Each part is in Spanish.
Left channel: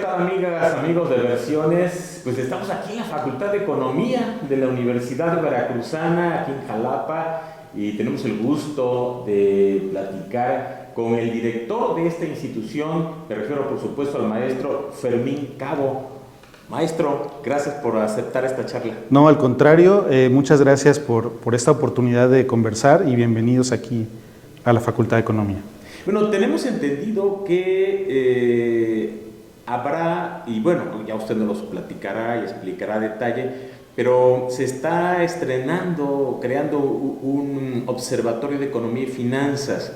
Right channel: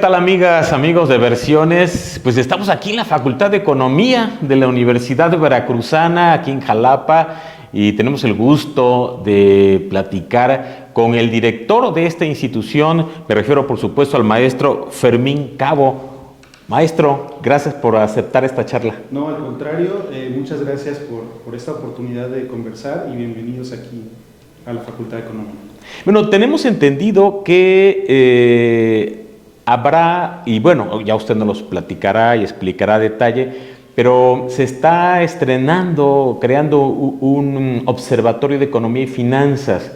tal, amigas, amigos de Versiones? Pues estamos aquí en la Facultad de Economía de la Universidad Veracruzana, aquí en Jalapa, y tenemos el gusto de platicar con el director de esta institución. Me refiero, por supuesto, al maestro Fermín Cabo. Maestro, gracias por aceptar esta charla. No, al contrario, muchas gracias por esta oportunidad de conversar y bienvenidos aquí a la Facultad de Economía. Bueno, tenemos entendido que habrá, y bueno, ya usted nos los platicará y explicará a detalle, pero se está estrenando, creando un observatorio de economía y finanzas.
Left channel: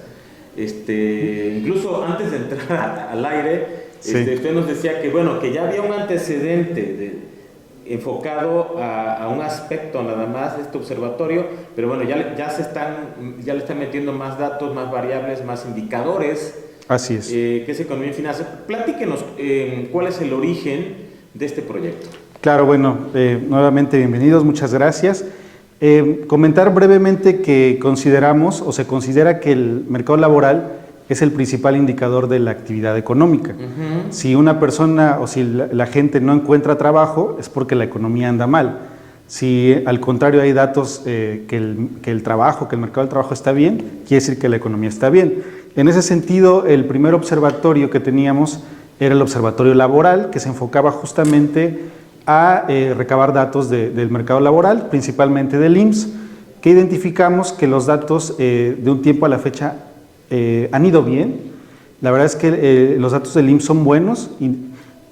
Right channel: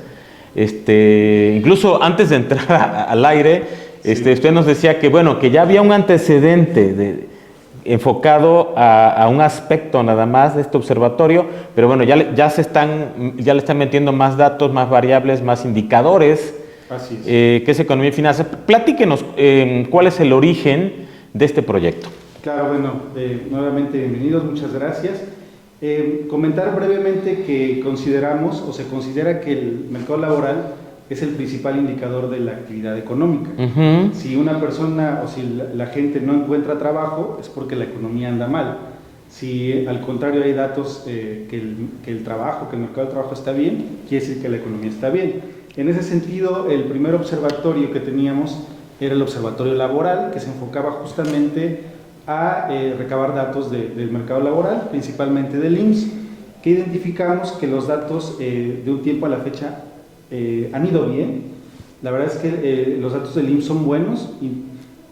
Incluso antes de entrar al aire, Sí. usted nos decía que, bueno, que ya había un antecedente enfocado a un aspecto nada más de este observatorio, pero bueno, ya le están metiendo más datos, más variables, más indicadores. Así es. Que es economía y finanzas. Platíquenos cuál es el origen de este proyecto. Claro, bueno, nuevamente bienvenidos, muchas gracias. Comentar brevemente que consideramos o se considera que el mercado laboral es el principal indicador de la actividad económica. Si una persona o si la gente no encuentra trabajo, es porque la economía anda mal. Si al contrario hay datos que el mercado del trabajo está bien, quiere decir que la economía está bien. En ese sentido, el primer observatorio que teníamos era el observatorio laboral, que se enfocaba justamente a recabar datos del mercado laboral, principalmente del IMSS, que identificamos que los datos de un tiempo a la fecha han ido bien. La verdad es que los datos del IMSS son buenos.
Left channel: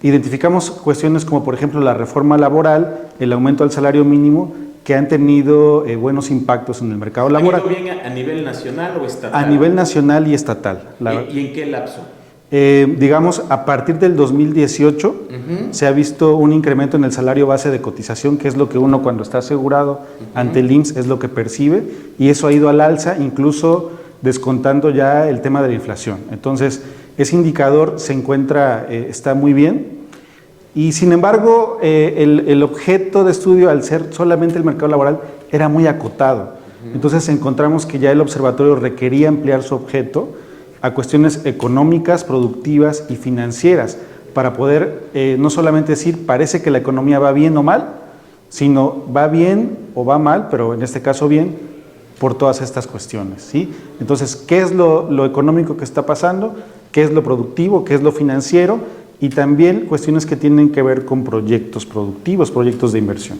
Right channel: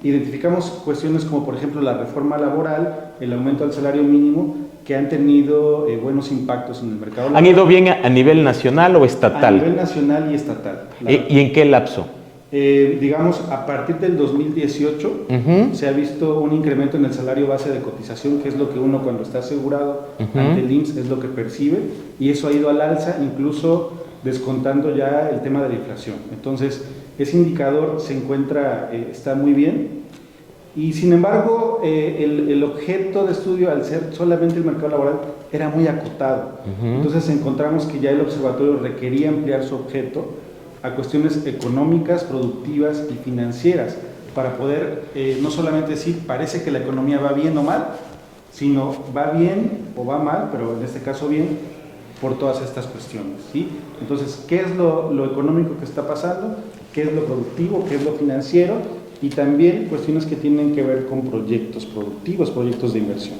Identificamos cuestiones como, por ejemplo, la reforma laboral, el aumento del salario mínimo, que han tenido buenos impactos en el mercado laboral. ¿Han ido bien a nivel nacional o estatal? A nivel nacional y estatal. ¿Y en qué lapso? Digamos, a partir del 2018 se ha visto un incremento en el salario base de cotización, que es lo que uno cuando está asegurado ante el IMSS es lo que percibe, y eso ha ido al alza, incluso descontando ya el tema de la inflación. Entonces, ese indicador está muy bien. Y sin embargo, el objeto de estudio, al ser solamente el mercado laboral, era muy acotado. Entonces encontramos que ya el observatorio requería ampliar su objeto a cuestiones económicas, productivas y financieras, para poder no solamente decir parece que la economía va bien o mal, sino va bien o va mal, pero en este caso bien, por todas estas cuestiones, ¿sí? Entonces, ¿qué es lo económico que está pasando? ¿Qué es lo productivo? ¿Qué es lo financiero? Y también cuestiones que tienen que ver con proyectos productivos, proyectos de inversión.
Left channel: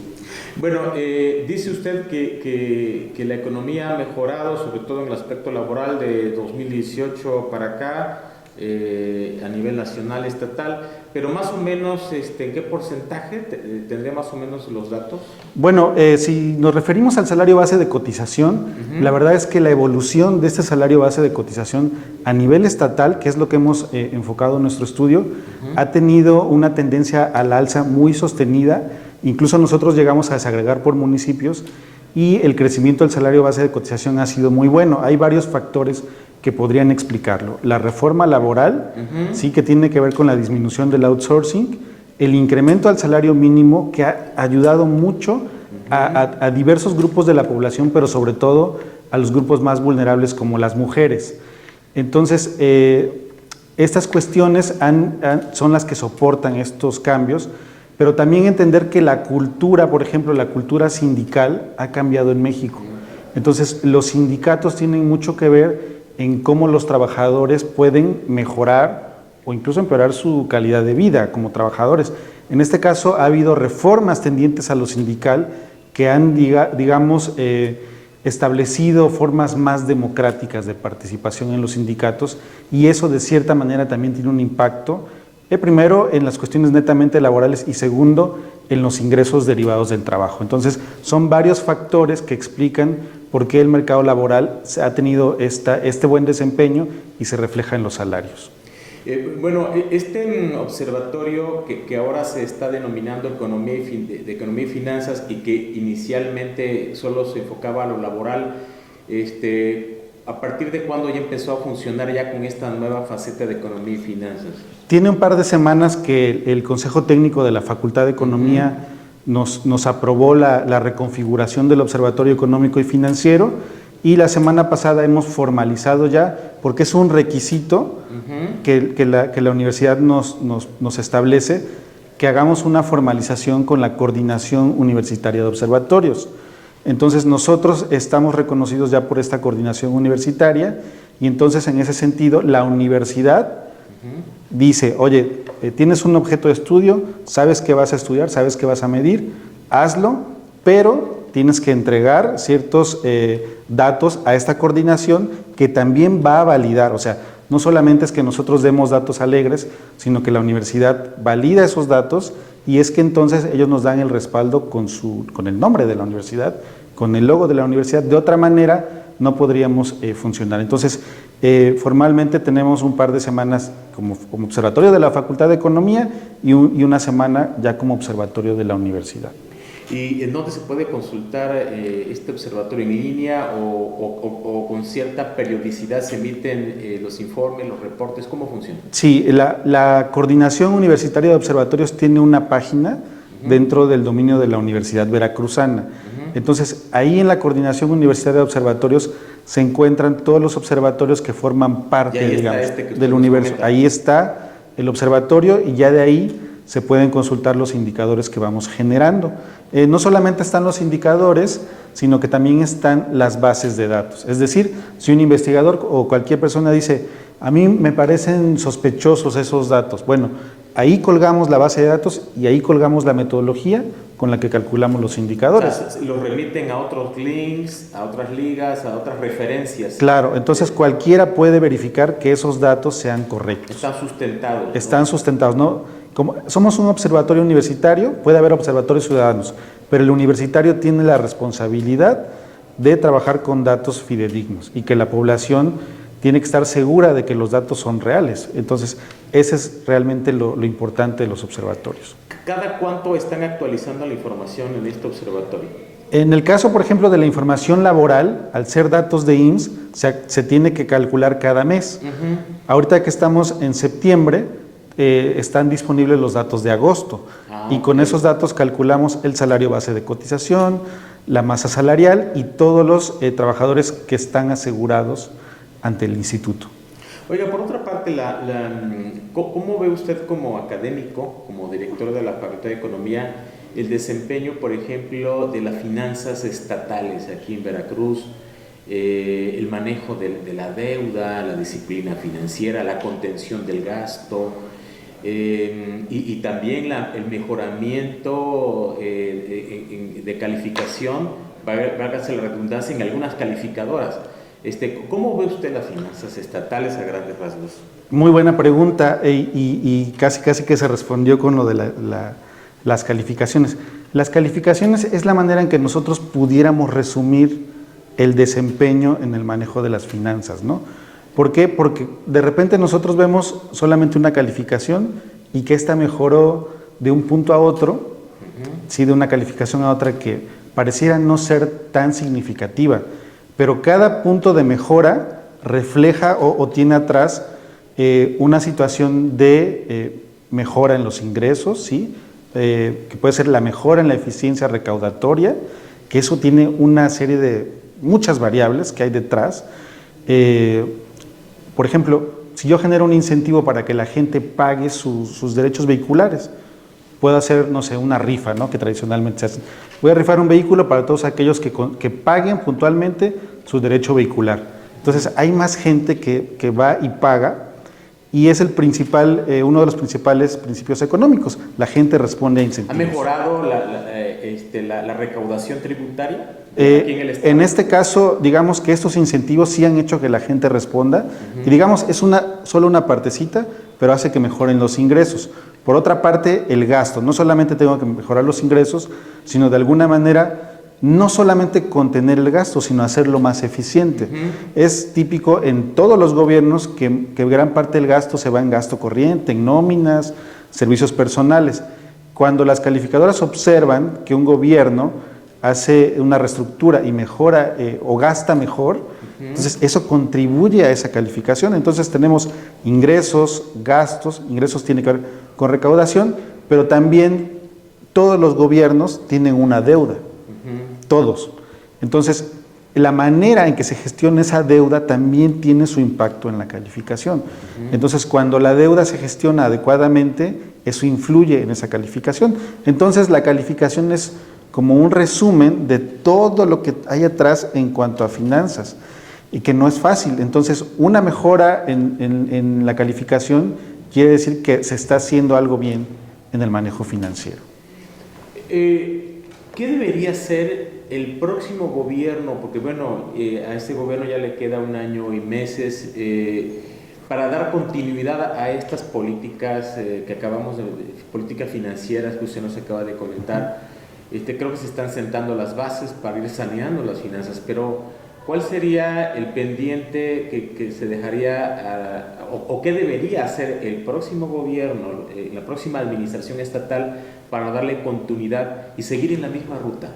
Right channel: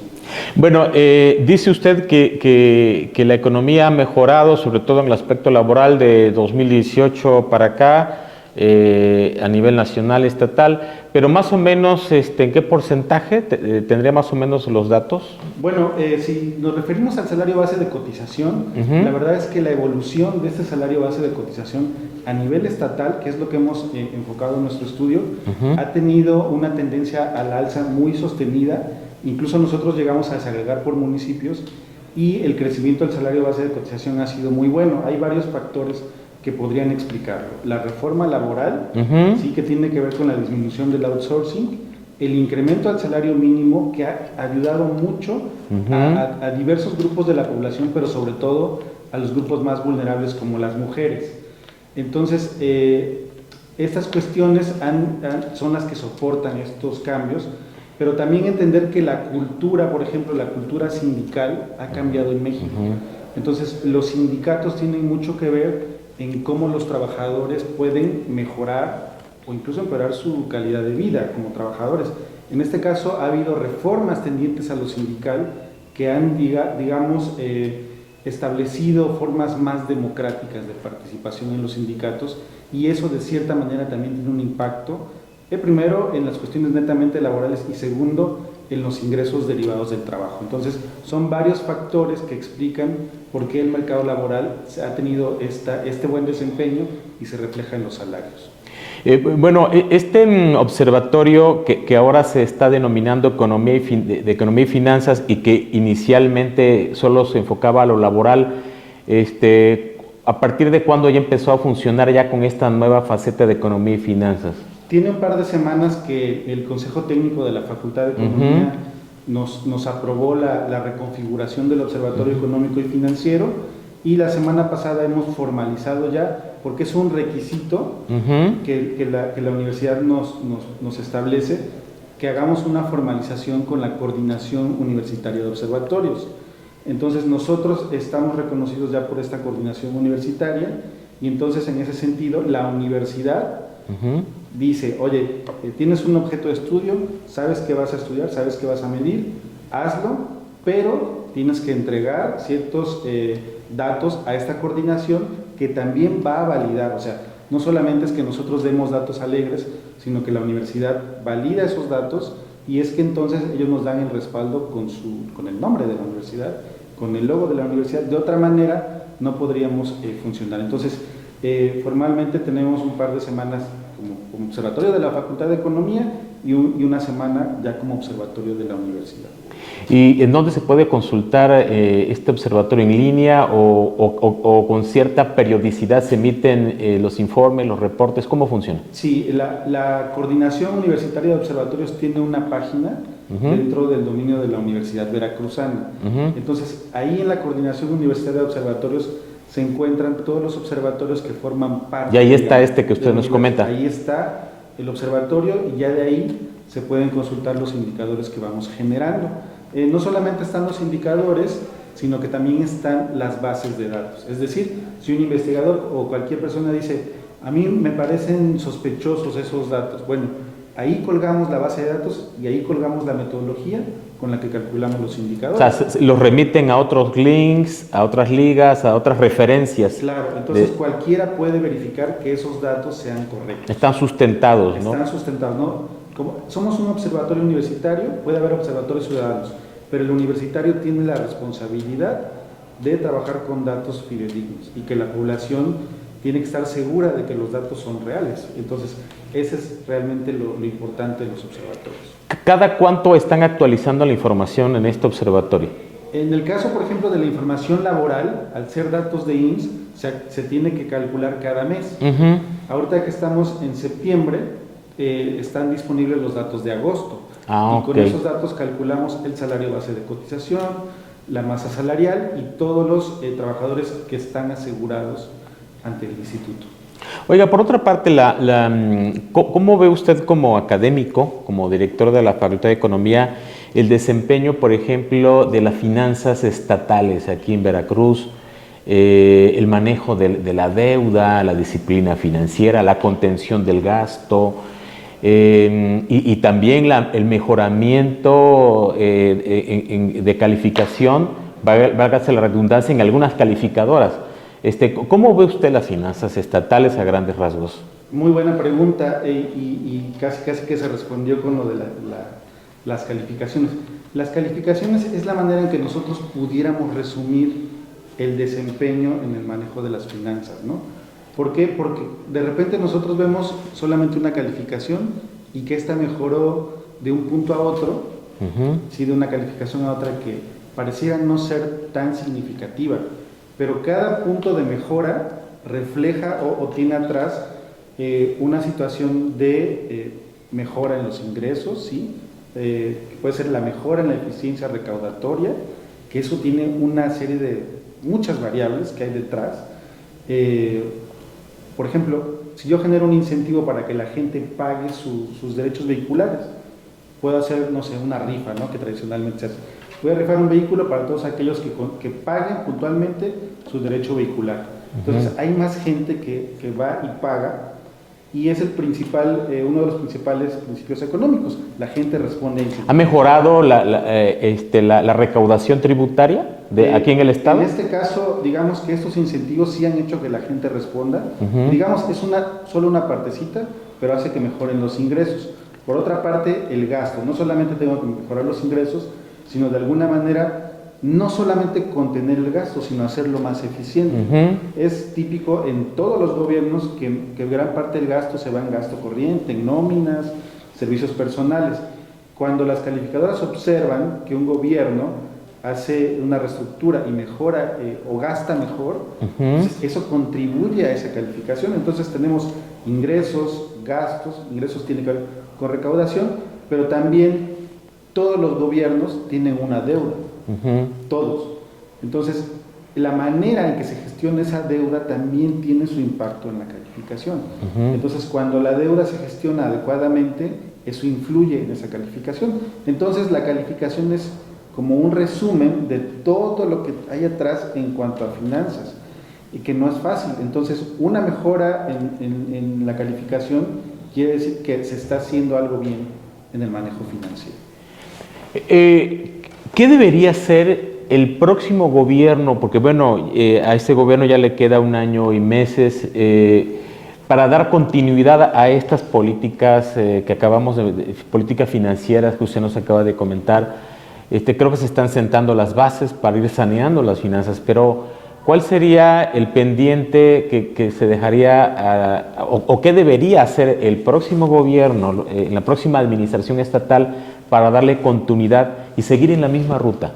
Bueno, dice usted que la economía ha mejorado, sobre todo en el aspecto laboral de 2018 para acá, a nivel nacional, estatal, pero más o menos, ¿en qué porcentaje tendría más o menos los datos? Bueno, si nos referimos al salario base de cotización, la verdad es que la evolución de este salario base de cotización a nivel estatal, que es lo que hemos enfocado en nuestro estudio, ha tenido una tendencia al alza muy sostenida. Incluso nosotros llegamos a desagregar por municipios y el crecimiento del salario base de cotización ha sido muy bueno. Hay varios factores que podrían explicarlo. La reforma laboral, sí, que tiene que ver con la disminución del outsourcing, el incremento al salario mínimo, que ha ayudado mucho a diversos grupos de la población, pero sobre todo a los grupos más vulnerables como las mujeres. Entonces, estas cuestiones son las que soportan estos cambios, pero también entender que la cultura, por ejemplo, la cultura sindical ha cambiado en México. Entonces, los sindicatos tienen mucho que ver en cómo los trabajadores pueden mejorar o incluso empeorar su calidad de vida como trabajadores. En este caso ha habido reformas tendientes a lo sindical que han, digamos, establecido formas más democráticas de participación en los sindicatos, y eso de cierta manera también tiene un impacto, primero en las cuestiones netamente laborales y segundo en los ingresos derivados del trabajo. Entonces son varios factores que explican por qué el mercado laboral ha tenido este buen desempeño y se refleja en los salarios. Bueno, este observatorio que ahora se está denominando de economía y finanzas, y que inicialmente solo se enfocaba a lo laboral, ¿a partir de cuándo ya empezó a funcionar ya con esta nueva faceta de economía y finanzas? Tiene un par de semanas que el Consejo Técnico de la Facultad de Economía nos aprobó la reconfiguración del Observatorio Económico y Financiero, y la semana pasada hemos formalizado ya, porque es un requisito que la universidad nos establece, que hagamos una formalización con la Coordinación Universitaria de Observatorios. Entonces nosotros estamos reconocidos ya por esta coordinación universitaria y entonces en ese sentido la universidad dice, oye, tienes un objeto de estudio, sabes que vas a estudiar, sabes que vas a medir, hazlo, pero tienes que entregar ciertos datos a esta coordinación que también va a validar, o sea, no solamente es que nosotros demos datos alegres, sino que la universidad valida esos datos y es que entonces ellos nos dan el respaldo con el nombre de la universidad, con el logo de la universidad. De otra manera no podríamos funcionar. Entonces, formalmente tenemos un par de semanas como observatorio de la Facultad de Economía y una semana ya como observatorio de la universidad. ¿Y en dónde se puede consultar este observatorio en línea o con cierta periodicidad se emiten los informes, los reportes? ¿Cómo funciona? Sí, la Coordinación Universitaria de Observatorios tiene una página dentro del dominio de la Universidad Veracruzana. Entonces, ahí en la Coordinación Universitaria de Observatorios se encuentran todos los observatorios que forman parte, y ahí está digamos, este que usted nos comenta. Ahí está el observatorio y ya de ahí se pueden consultar los indicadores que vamos generando. No solamente están los indicadores, sino que también están las bases de datos. Es decir, si un investigador o cualquier persona dice, a mí me parecen sospechosos esos datos, bueno, ahí colgamos la base de datos y ahí colgamos la metodología con la que calculamos los indicadores. O sea, los remiten a otros links, a otras ligas, a otras referencias. Claro, entonces cualquiera puede verificar que esos datos sean correctos. Están sustentados, ¿no? Están sustentados, ¿no? Como somos un observatorio universitario, puede haber observatorios ciudadanos, pero el universitario tiene la responsabilidad de trabajar con datos fidedignos y que la población tiene que estar segura de que los datos son reales. Entonces, ese es realmente lo importante de los observatorios. ¿Cada cuánto están actualizando la información en este observatorio? En el caso, por ejemplo, de la información laboral, al ser datos de IMSS, se tiene que calcular cada mes. Ahorita que estamos en septiembre, están disponibles los datos de agosto y con esos datos calculamos el salario base de cotización, la masa salarial y todos los trabajadores que están asegurados ante el instituto. Oiga, por otra parte, ¿cómo ve usted como académico, como director de la Facultad de Economía, el desempeño, por ejemplo, de las finanzas estatales aquí en Veracruz, el manejo de la deuda, la disciplina financiera, la contención del gasto, y también el mejoramiento de calificación, válgase la redundancia, en algunas calificadoras? ¿Cómo ve usted las finanzas estatales a grandes rasgos? Muy buena pregunta y casi que se respondió con lo de las calificaciones. Las calificaciones es la manera en que nosotros pudiéramos resumir el desempeño en el manejo de las finanzas, ¿no? ¿Por qué? Porque de repente nosotros vemos solamente una calificación y que esta mejoró de un punto a otro, sí, de una calificación a otra que pareciera no ser tan significativa, pero cada punto de mejora refleja o tiene atrás una situación de mejora en los ingresos, ¿sí? Que puede ser la mejora en la eficiencia recaudatoria, que eso tiene una serie de muchas variables que hay detrás. Por ejemplo, si yo genero un incentivo para que la gente pague sus derechos vehiculares, puedo hacer, no sé, una rifa, ¿no? Que tradicionalmente se hace. Voy a rifar un vehículo para todos aquellos que paguen puntualmente su derecho vehicular. Entonces, hay más gente que va y paga y es uno de los principales principios económicos. La gente responde a incentivos. ¿Ha mejorado la recaudación tributaria aquí en el Estado? En este caso, digamos que estos incentivos sí han hecho que la gente responda. Y digamos, es solo una partecita, pero hace que mejoren los ingresos. Por otra parte, el gasto. No solamente tengo que mejorar los ingresos, sino de alguna manera no solamente contener el gasto, sino hacerlo más eficiente. Es típico en todos los gobiernos que gran parte del gasto se va en gasto corriente, en nóminas, servicios personales. Cuando las calificadoras observan que un gobierno hace una reestructura y mejora o gasta mejor, entonces eso contribuye a esa calificación. Entonces tenemos ingresos, gastos, ingresos tiene que ver con recaudación, pero también todos los gobiernos tienen una deuda, todos. Entonces, la manera en que se gestiona esa deuda también tiene su impacto en la calificación. Entonces, cuando la deuda se gestiona adecuadamente, eso influye en esa calificación. Entonces, la calificación es como un resumen de todo lo que hay atrás en cuanto a finanzas, y que no es fácil. Entonces, una mejora en la calificación quiere decir que se está haciendo algo bien en el manejo financiero. ¿Qué debería ser el próximo gobierno? Porque bueno, a este gobierno ya le queda 1 año y meses para dar continuidad a estas políticas que acabamos de políticas financieras que usted nos acaba de comentar. Creo que se están sentando las bases para ir saneando las finanzas, pero ¿cuál sería el pendiente que se dejaría o qué debería hacer el próximo gobierno, la próxima administración estatal para darle continuidad y seguir en la misma ruta?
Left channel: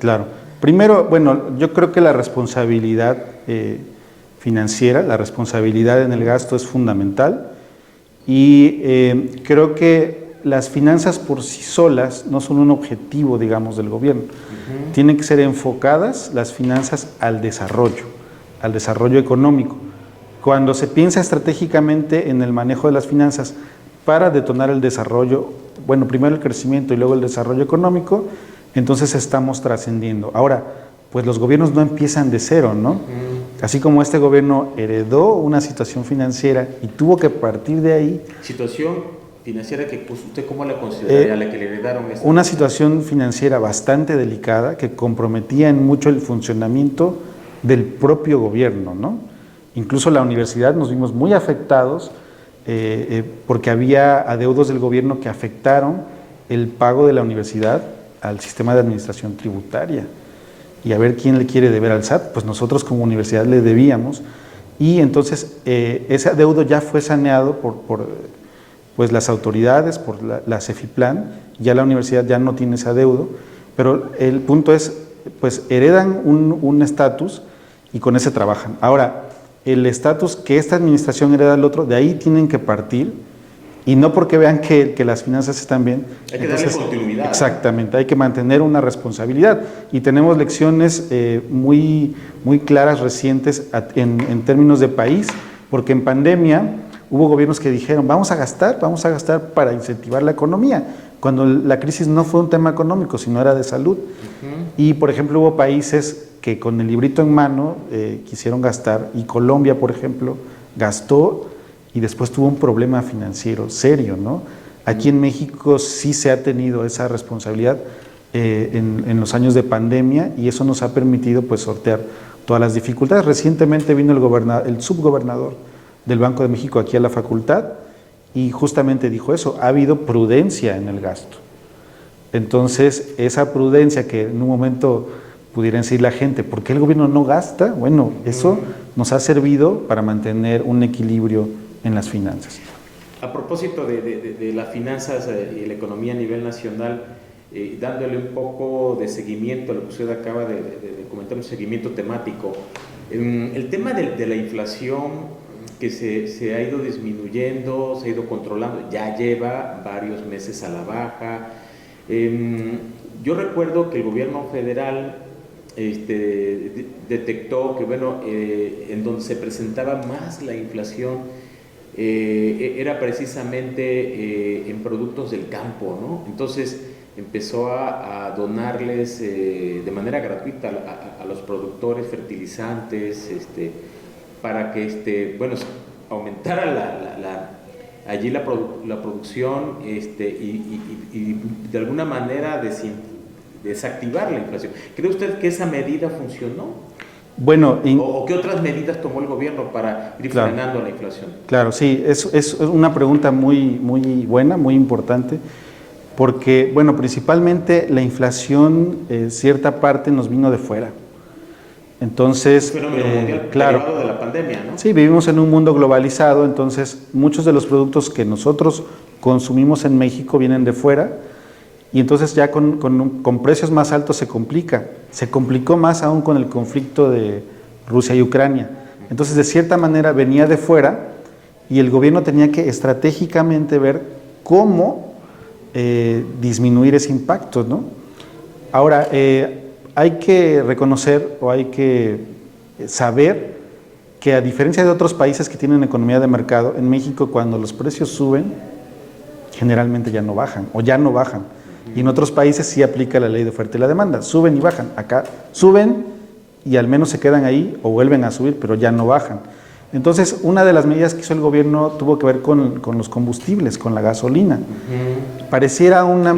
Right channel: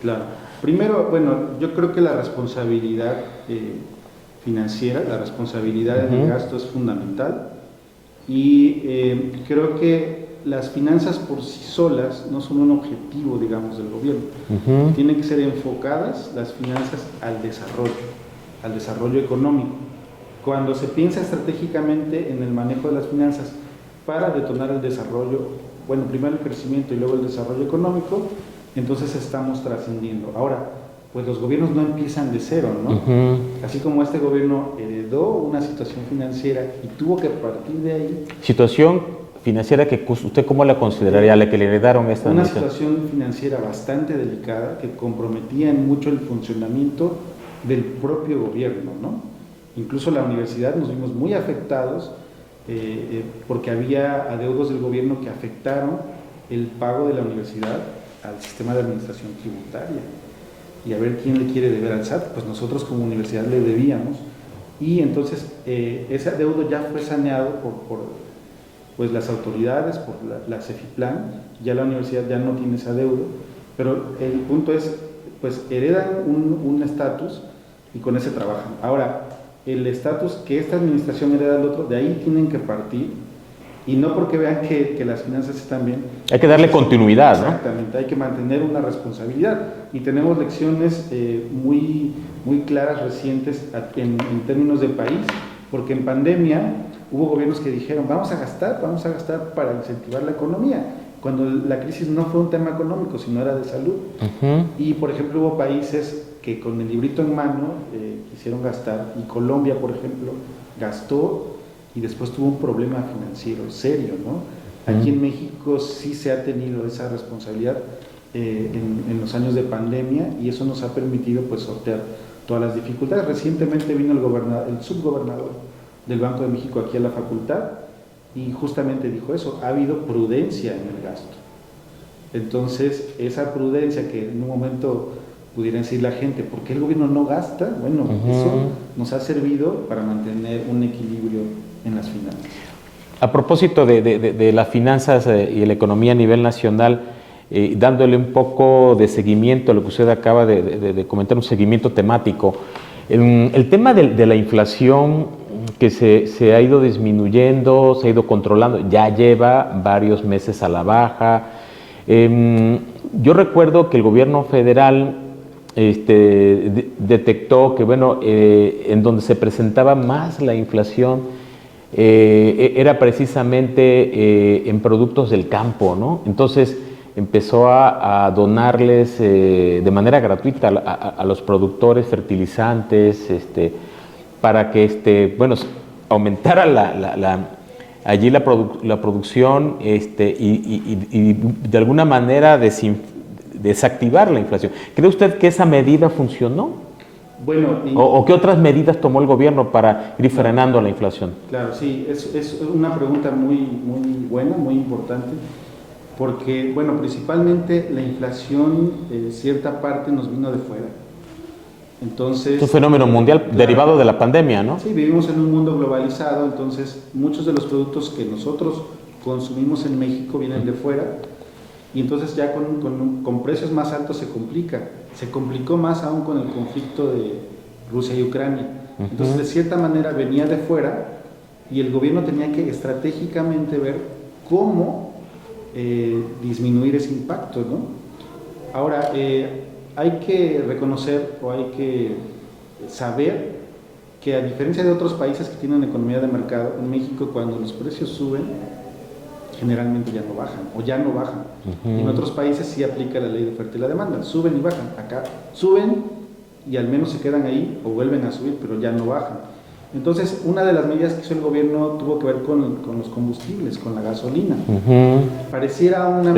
Claro. Primero, bueno, yo creo que la responsabilidad financiera, la responsabilidad en el gasto es fundamental, y creo que las finanzas por sí solas no son un objetivo, digamos, del gobierno. Tienen que ser enfocadas las finanzas al desarrollo económico. Cuando se piensa estratégicamente en el manejo de las finanzas para detonar el desarrollo, bueno, primero el crecimiento y luego el desarrollo económico, entonces estamos trascendiendo. Ahora, pues los gobiernos no empiezan de cero, ¿no? Así como este gobierno heredó una situación financiera y tuvo que partir de ahí. Situación financiera que usted, ¿cómo la consideraría, la que le heredaron esta? Una situación financiera bastante delicada que comprometía en mucho el funcionamiento del propio gobierno, ¿no? Incluso la universidad nos vimos muy afectados porque había adeudos del gobierno que afectaron el pago de la universidad al sistema de administración tributaria. Y a ver quién le quiere deber al SAT, pues nosotros como universidad le debíamos, y entonces ese adeudo ya fue saneado por pues las autoridades, por la CEFIPLAN. Ya la universidad ya no tiene ese adeudo, pero el punto es, pues heredan un estatus y con ese trabajan. Ahora, el estatus que esta administración hereda al otro, de ahí tienen que partir, y no porque vean que las finanzas están bien. Hay que darle continuidad. Exactamente, ¿no? Hay que mantener una responsabilidad, y tenemos lecciones muy claras, recientes en términos de país, porque en pandemia hubo gobiernos que dijeron vamos a gastar para incentivar la economía, cuando la crisis no fue un tema económico, sino era de salud. Y por ejemplo hubo países que con el librito en mano quisieron gastar, y Colombia, por ejemplo, gastó y después tuvo un problema financiero serio, ¿no? Aquí en México sí se ha tenido esa responsabilidad en los años de pandemia, y eso nos ha permitido pues sortear todas las dificultades. Recientemente vino el subgobernador del Banco de México aquí a la facultad y justamente dijo eso: ha habido prudencia en el gasto. Entonces, esa prudencia que en un momento pudiera decir la gente, ¿por qué el gobierno no gasta? Bueno, eso nos ha servido para mantener un equilibrio en las finanzas. A propósito de las finanzas y la economía a nivel nacional, dándole un poco de seguimiento a lo que usted acaba de comentar, un seguimiento temático, el tema de la inflación que se ha ido disminuyendo, se ha ido controlando, ya lleva varios meses a la baja. Yo recuerdo que el gobierno federal detectó que, bueno, en donde se presentaba más la inflación era precisamente en productos del campo, ¿no? Entonces empezó a donarles de manera gratuita a los productores fertilizantes, para que bueno, aumentara allí la producción y de alguna manera desactivar la inflación. ¿Cree usted que esa medida funcionó? Bueno, ¿O qué otras medidas tomó el gobierno para ir frenando la inflación? Claro, sí, es una pregunta muy buena, muy importante, porque, bueno, principalmente la inflación, cierta parte nos vino de fuera. Entonces, es un fenómeno mundial, claro, derivado de la pandemia, ¿no? Sí, vivimos en un mundo globalizado, entonces muchos de los productos que nosotros consumimos en México vienen de fuera, y entonces ya con precios más altos se complica. Se complicó más aún con el conflicto de Rusia y Ucrania. Entonces, de cierta manera venía de fuera, y el gobierno tenía que estratégicamente ver cómo disminuir ese impacto, ¿no? Ahora, hay que reconocer o hay que saber que a diferencia de otros países que tienen economía de mercado, en México cuando los precios suben, generalmente ya no bajan o ya no bajan. Y en otros países sí aplica la ley de oferta y la demanda, suben y bajan. Acá suben y al menos se quedan ahí o vuelven a subir, pero ya no bajan. Entonces, una de las medidas que hizo el gobierno tuvo que ver con los combustibles, con la gasolina. Pareciera una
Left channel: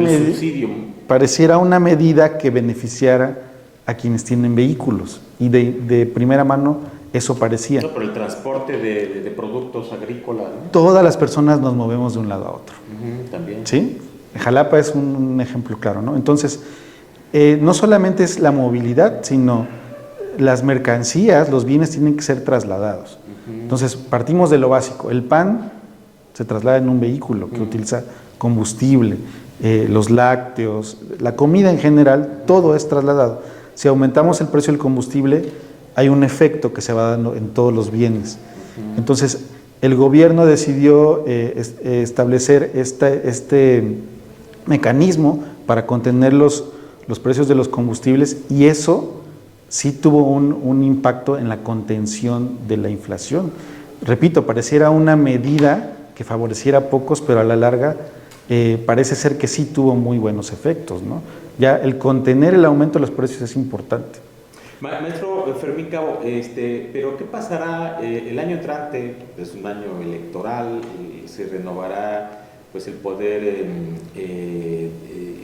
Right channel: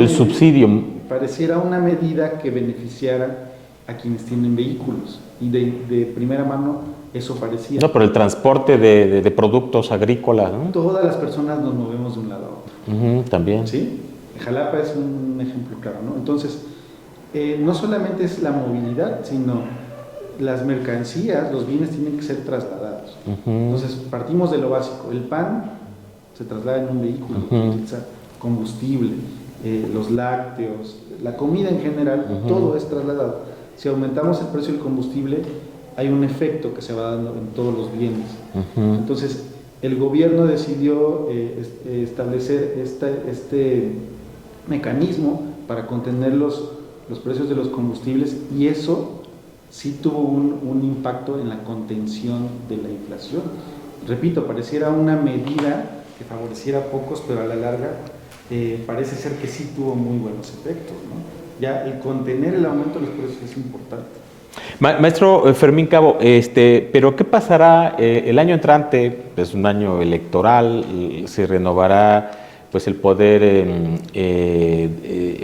medida que beneficiara a quienes tienen vehículos y de primera mano eso parecía. No, pero el transporte de productos agrícolas, ¿no? Todas las personas nos movemos de un lado a otro. También. ¿Sí? Jalapa es un ejemplo claro, ¿no? Entonces, no solamente es la movilidad, sino las mercancías, los bienes tienen que ser trasladados. Entonces, partimos de lo básico. El pan se traslada en un vehículo que utiliza combustible, los lácteos, la comida en general, todo es trasladado. Si aumentamos el precio del combustible, hay un efecto que se va dando en todos los bienes. Entonces, el gobierno decidió establecer este mecanismo para contener los precios de los combustibles y eso sí tuvo un impacto en la contención de la inflación. Repito, pareciera una medida que favoreciera a pocos, pero a la larga parece ser que sí tuvo muy buenos efectos, ¿no? Ya el contener el aumento de los precios es importante. Maestro Fermín Cabo, pero ¿qué pasará el año entrante? Es un año electoral, se renovará pues el poder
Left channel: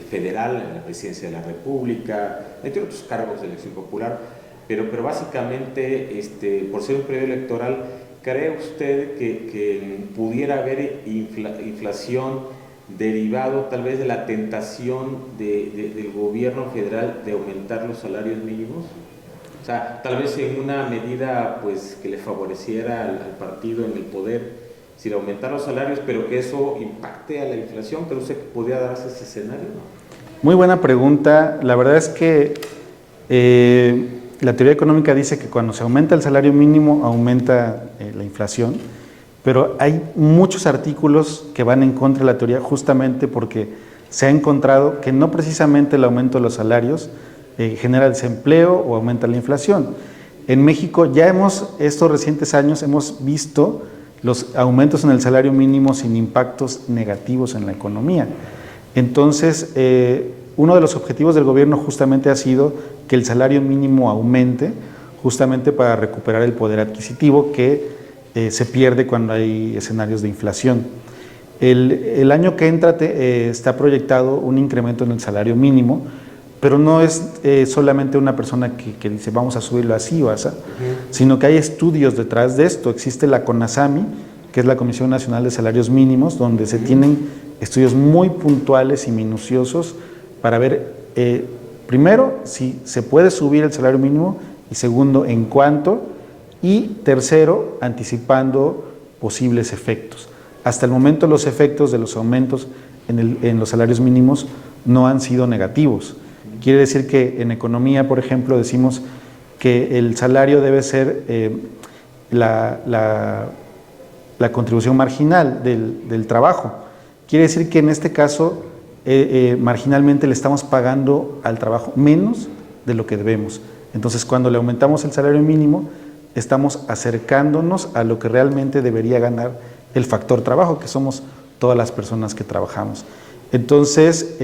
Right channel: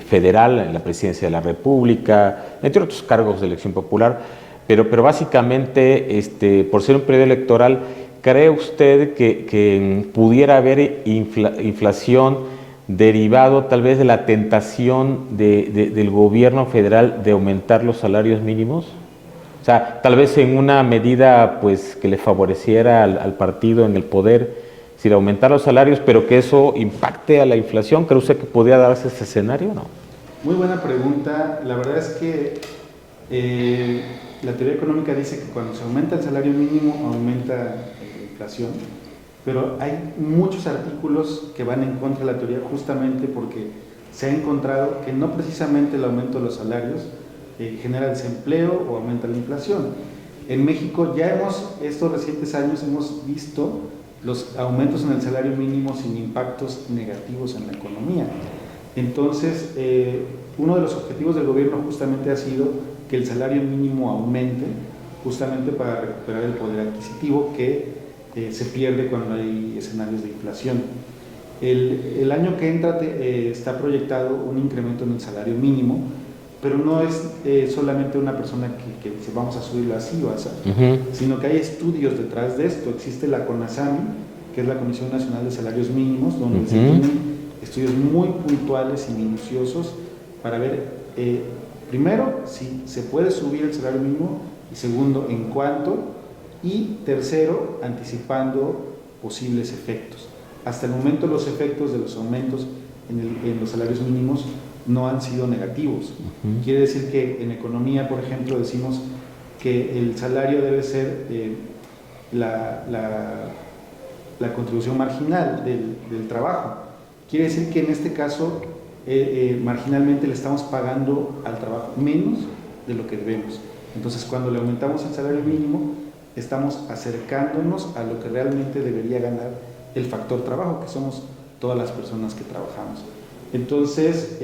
federal en la presidencia de la República, entre otros cargos de elección popular, pero básicamente por ser un periodo electoral, ¿cree usted que pudiera haber inflación derivado tal vez de la tentación del gobierno federal de aumentar los salarios mínimos? O sea, tal vez en una medida pues que le favoreciera al partido en el poder, sin aumentar los salarios, pero que eso impacte a la inflación. ¿Cree usted que podría darse ese escenario o no? Muy buena pregunta. La verdad es que la teoría económica dice que cuando se aumenta el salario mínimo, aumenta la inflación, pero hay muchos artículos que van en contra de la teoría justamente porque se ha encontrado que no precisamente el aumento de los salarios genera desempleo o aumenta la inflación. En México ya estos recientes años hemos visto los aumentos en el salario mínimo sin impactos negativos en la economía. Entonces, uno de los objetivos del gobierno justamente ha sido que el salario mínimo aumente, justamente para recuperar el poder adquisitivo que se pierde cuando hay escenarios de inflación. El año que entra está proyectado un incremento en el salario mínimo, pero no es solamente una persona que dice vamos a subirlo así o así, sino que hay estudios detrás de esto. Existe la CONASAMI, que es la Comisión Nacional de Salarios Mínimos, donde se tienen estudios muy puntuales y minuciosos para ver, primero, si se puede subir el salario mínimo, y segundo, en cuánto, y tercero, anticipando posibles efectos. Hasta el momento los efectos de los aumentos en los salarios mínimos no han sido negativos. Quiere decir que en economía, por ejemplo, decimos que el salario debe ser la contribución marginal del trabajo. Quiere decir que en este caso, marginalmente le estamos pagando al trabajo menos de lo que debemos. Entonces, cuando le aumentamos el salario mínimo, estamos acercándonos a lo que realmente debería ganar el factor trabajo, que somos todas las personas que trabajamos. Entonces,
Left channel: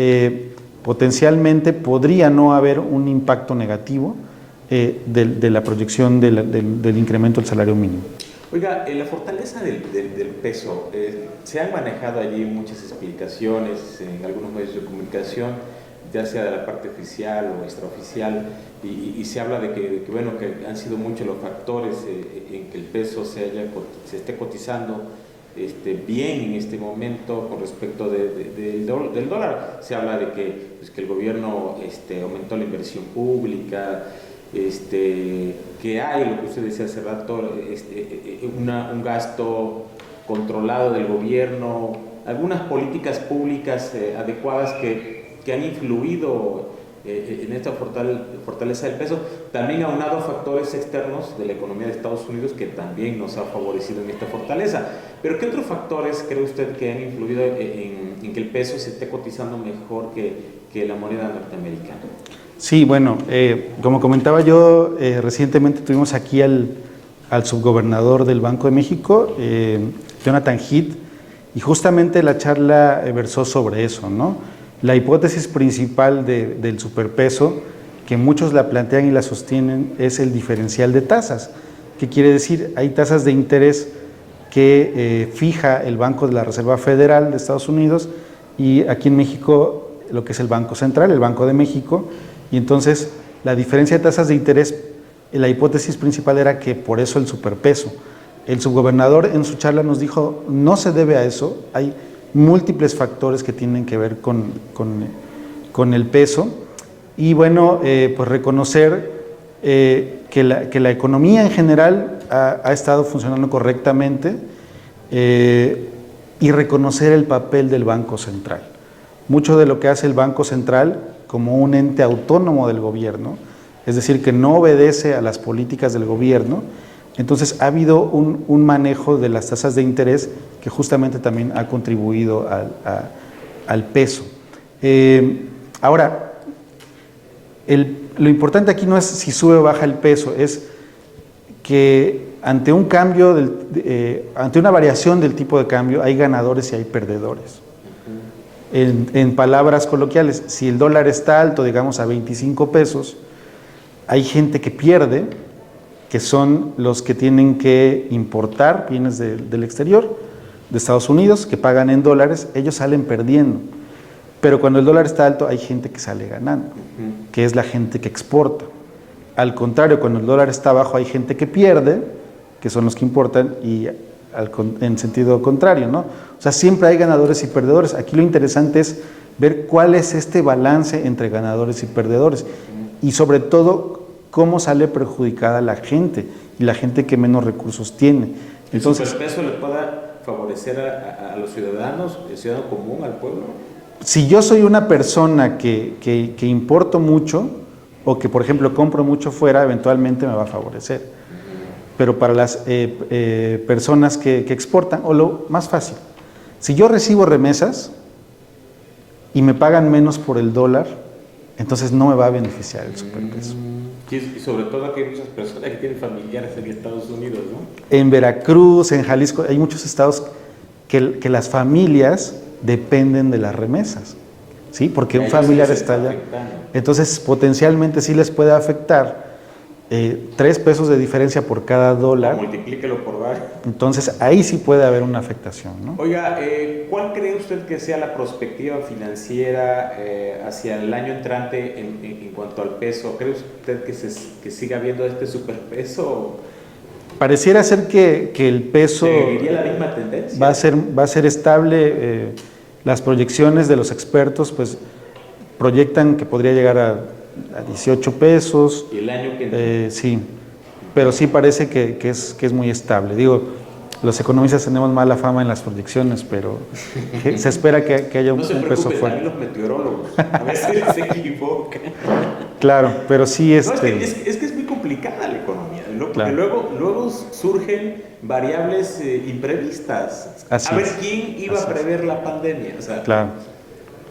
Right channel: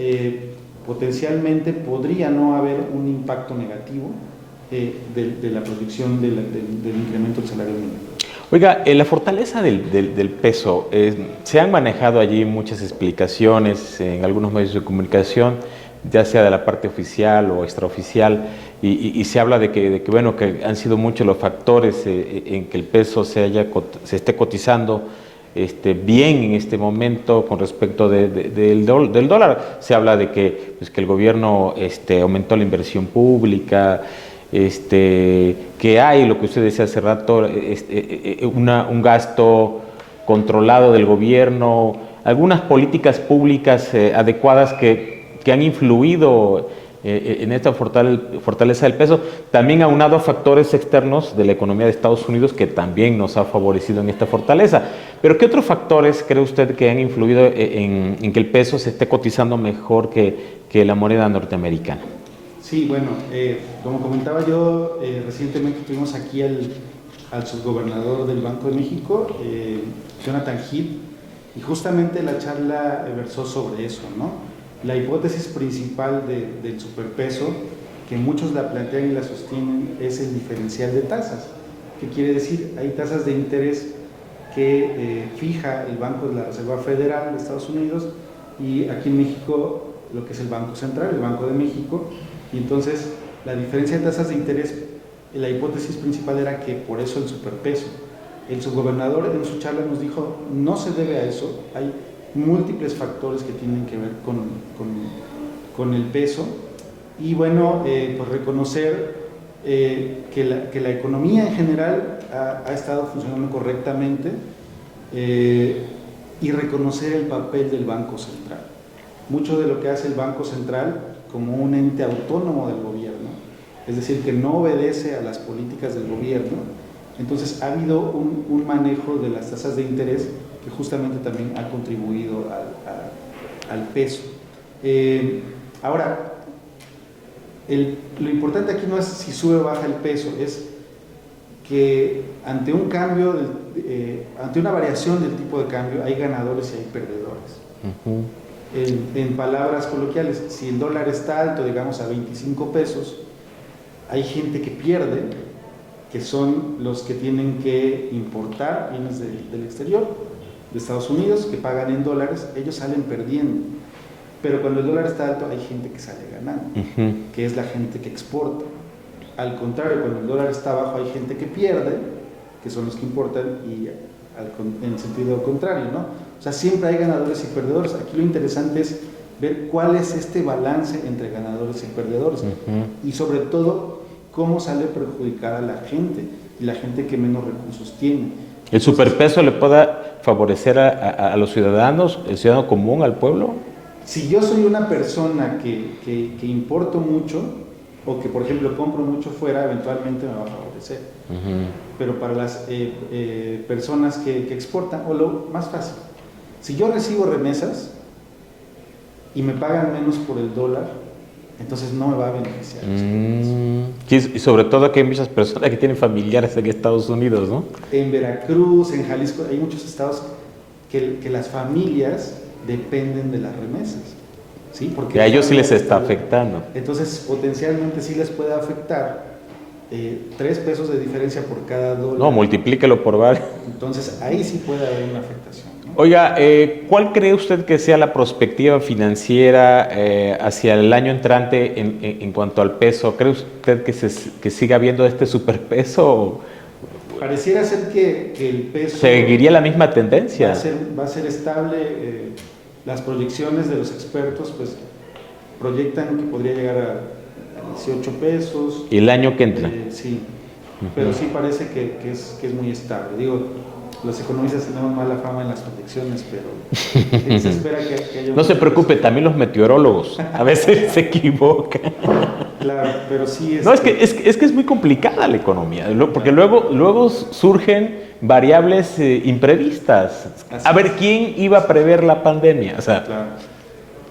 potencialmente podría no haber un impacto negativo de la proyección del incremento del salario mínimo. Oiga, la fortaleza del peso, se han manejado allí muchas explicaciones en algunos medios de comunicación, ya sea de la parte oficial o extraoficial, y se habla de que han sido muchos los factores en que el peso se esté cotizando bien en este momento con respecto del dólar. Se habla de que el gobierno aumentó la inversión pública, que hay, lo que usted decía hace rato, un gasto controlado del gobierno, algunas políticas públicas adecuadas que han influido en esta fortaleza del peso, también aunado a factores externos de la economía de Estados Unidos que también nos ha favorecido en esta fortaleza. Pero ¿qué otros factores cree usted que han influido en que el peso se esté cotizando mejor que la moneda norteamericana? Sí, bueno, como comentaba yo, recientemente tuvimos aquí al subgobernador del Banco de México, Jonathan Heath, y justamente la charla versó sobre eso, ¿no? La hipótesis principal del superpeso, que muchos la plantean y la sostienen, es el diferencial de tasas. ¿Qué quiere decir? Hay tasas de interés que fija el Banco de la Reserva Federal de Estados Unidos y aquí en México lo que es el Banco Central, el Banco de México, y entonces la diferencia de tasas de interés, la hipótesis principal era que por eso el superpeso. El subgobernador en su charla nos dijo, no se debe a eso, hay múltiples factores que tienen que ver con el peso, y bueno, pues reconocer que la economía en general ha estado funcionando correctamente y reconocer el papel del Banco Central. Mucho de lo que hace el Banco Central como un ente autónomo del gobierno, es decir, que no obedece a las políticas del gobierno, entonces ha habido un manejo de las tasas de interés que justamente también ha contribuido al peso. Ahora, lo importante aquí no es si sube o baja el peso, es que ante un cambio, ante una variación del tipo de cambio, hay ganadores y hay perdedores. En palabras coloquiales, si el dólar está alto, digamos a 25 pesos, hay gente que pierde, que son los que tienen que importar bienes del exterior, de Estados Unidos, que pagan en dólares, ellos salen perdiendo. Pero cuando el dólar está alto, hay gente que sale ganando, que es la gente que exporta. Al contrario, cuando el dólar está bajo, hay gente que pierde, que son los que importan, y en sentido contrario, ¿no? O sea, siempre hay ganadores y perdedores. Aquí lo interesante es ver cuál es este balance entre ganadores y perdedores. Y sobre todo, cómo sale perjudicada la gente, y la gente que menos recursos tiene. ¿El superpeso le pueda favorecer a los ciudadanos, el ciudadano común, al pueblo? Si yo soy una persona que importo mucho, o que por ejemplo compro mucho fuera, eventualmente me va a favorecer. Pero para las personas que exportan, o lo más fácil, si yo recibo remesas y me pagan menos por el dólar, entonces no me va a beneficiar el superpeso. Y sobre todo que hay muchas personas que tienen familiares en Estados Unidos, ¿no? En Veracruz, en Jalisco, hay muchos estados que las familias dependen de las remesas, ¿sí? Porque a ellos sí les está afectando. Entonces, potencialmente sí les puede afectar 3 pesos de diferencia por cada dólar. No, multiplíquelo por varios. Entonces, ahí sí puede haber una afectación, ¿no? Oiga, ¿cuál cree usted que sea la perspectiva financiera hacia el año entrante en cuanto al peso? ¿Cree usted que siga habiendo este superpeso? Pareciera ser que el peso... ¿Seguiría la misma tendencia? Va a ser estable. Las proyecciones de los expertos pues proyectan que podría llegar a 18 pesos. ¿Y el año que entra? Sí, pero sí parece que es muy estable. Digo, los economistas tenemos mala fama en las proyecciones, pero se espera que haya un... No se preocupe, también los meteorólogos a veces se equivocan. Claro, pero sí es... No, es que es muy complicada la economía, porque claro, luego surgen variables imprevistas. Así a ver, ¿quién iba a prever la pandemia? O sea, claro.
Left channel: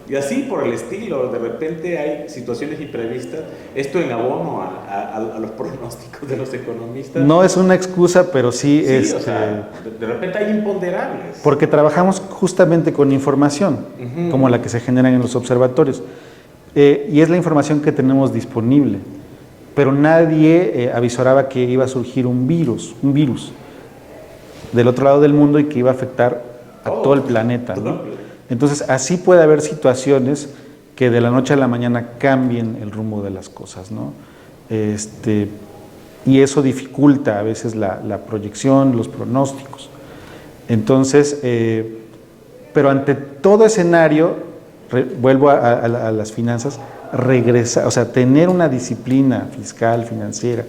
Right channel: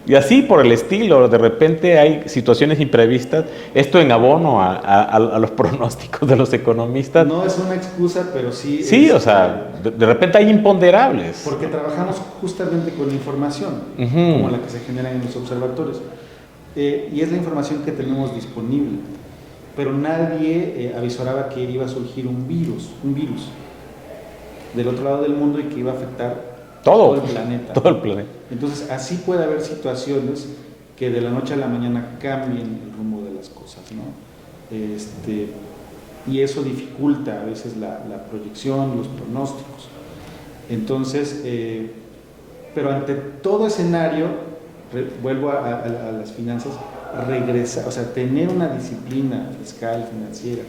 Y así por el estilo, de repente hay situaciones imprevistas, esto en abono a los pronósticos de los economistas. No es una excusa, pero sí es... Sí, o sea, de repente hay imponderables. Porque trabajamos justamente con información, como la que se genera en los observatorios. Y es la información que tenemos disponible. Pero nadie avisoraba que iba a surgir un virus del otro lado del mundo y que iba a afectar todo el planeta. Todo el planeta. Entonces, así puede haber situaciones que de la noche a la mañana cambien el rumbo de las cosas, ¿no? Y eso dificulta a veces la proyección, los pronósticos. Entonces, pero ante todo escenario, vuelvo a las finanzas, regresar, o sea, tener una disciplina fiscal, financiera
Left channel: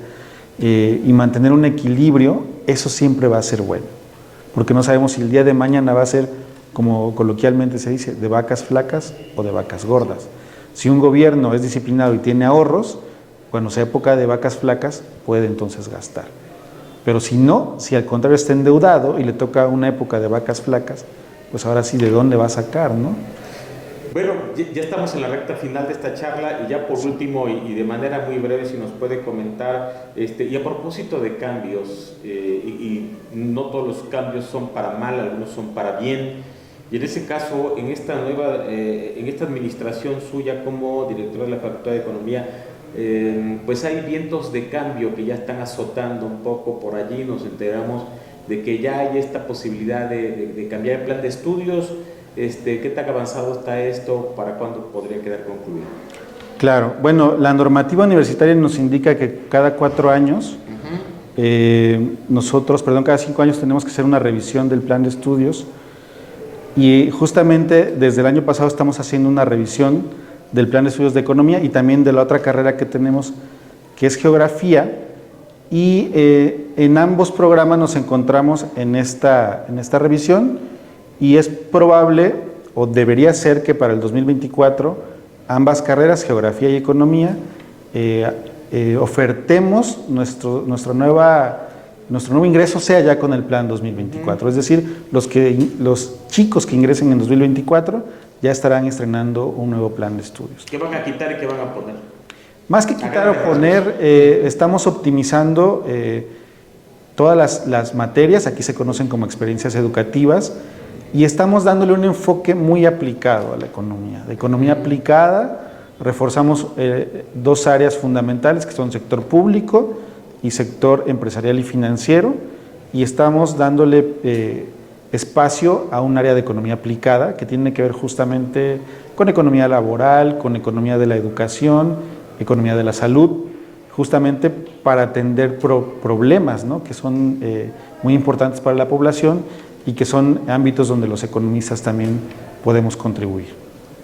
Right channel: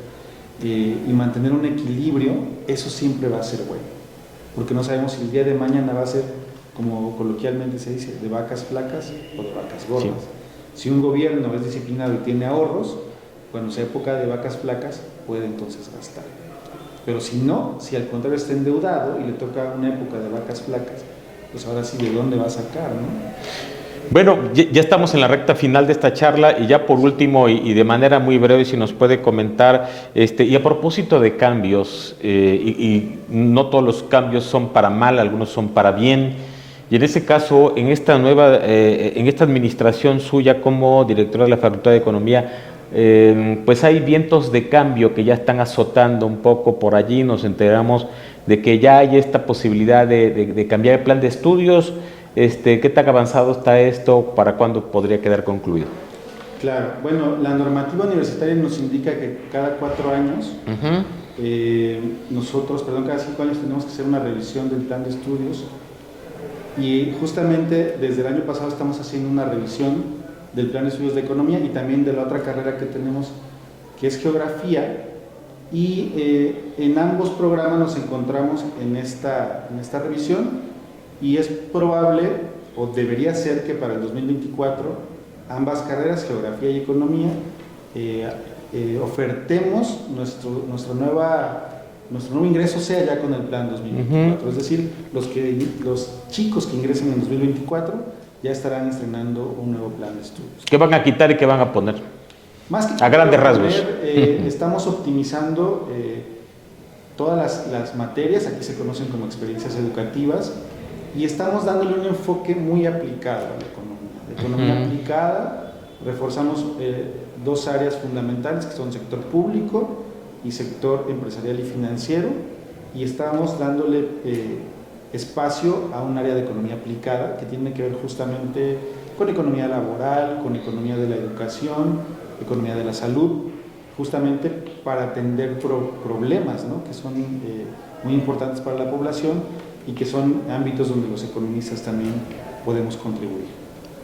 y mantener un equilibrio, eso siempre va a ser bueno. Porque no sabemos si el día de mañana va a ser, como coloquialmente se dice, de vacas flacas o de vacas gordas. Sí. Si un gobierno es disciplinado y tiene ahorros, cuando sea época de vacas flacas, puede entonces gastar. Pero si no, si al contrario está endeudado y le toca una época de vacas flacas, pues ahora sí, ¿de dónde va a sacar, no? Bueno, ya estamos en la recta final de esta charla y ya por último y de manera muy breve si nos puede comentar, y a propósito de cambios, y no todos los cambios son para mal, algunos son para bien, y en ese caso, en esta en esta administración suya como directora de la Facultad de Economía, pues hay vientos de cambio que ya están azotando un poco por allí, nos enteramos de que ya hay esta posibilidad de cambiar el plan de estudios. ¿Qué tan avanzado está esto? ¿Para cuándo podría quedar concluido? Claro, bueno, la normativa universitaria nos indica que cada 4 años, cada 5 años tenemos que hacer una revisión del plan de estudios y justamente desde el año pasado estamos haciendo una revisión del plan de estudios de economía y también de la otra carrera que tenemos, que es geografía, y en ambos programas nos encontramos en esta revisión. Y es probable, o debería ser, que para el 2024 ambas carreras, geografía y economía, ofertemos nuestro nuevo ingreso sea ya con el plan 2024. Es decir, los chicos que ingresen en 2024 ya estarán estrenando un nuevo plan de estudios. ¿Qué van a quitar y qué van a poner? Más que quitar o poner, estamos optimizando todas las materias, aquí se conocen como experiencias educativas, y estamos dándole un enfoque muy aplicado a la economía. De economía aplicada, reforzamos 2 áreas fundamentales que son sector público y sector empresarial y financiero, y estamos dándole espacio a un área de economía aplicada que tiene que ver justamente con economía laboral, con economía de la educación, economía de la salud, justamente para atender problemas, ¿no?, que son muy importantes para la población y que son ámbitos donde los economistas también podemos contribuir.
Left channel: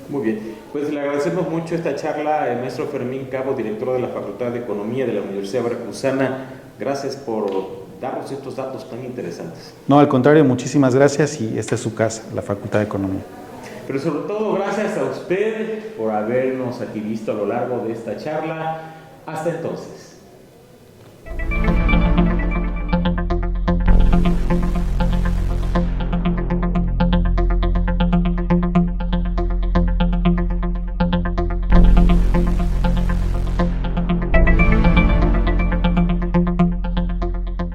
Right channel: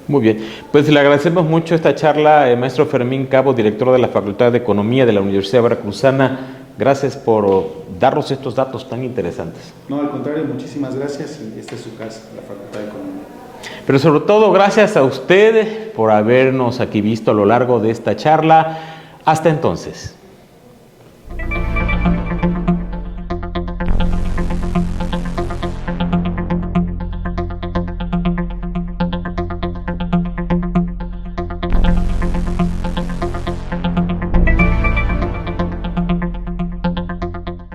Muy bien, pues le agradecemos mucho esta charla, maestro Fermín Cabo, director de la Facultad de Economía de la Universidad Veracruzana. Gracias por darnos estos datos tan interesantes. No, al contrario, muchísimas gracias, y esta es su casa, la Facultad de Economía. Pero sobre todo, gracias a usted por habernos aquí visto a lo largo de esta charla. Hasta entonces.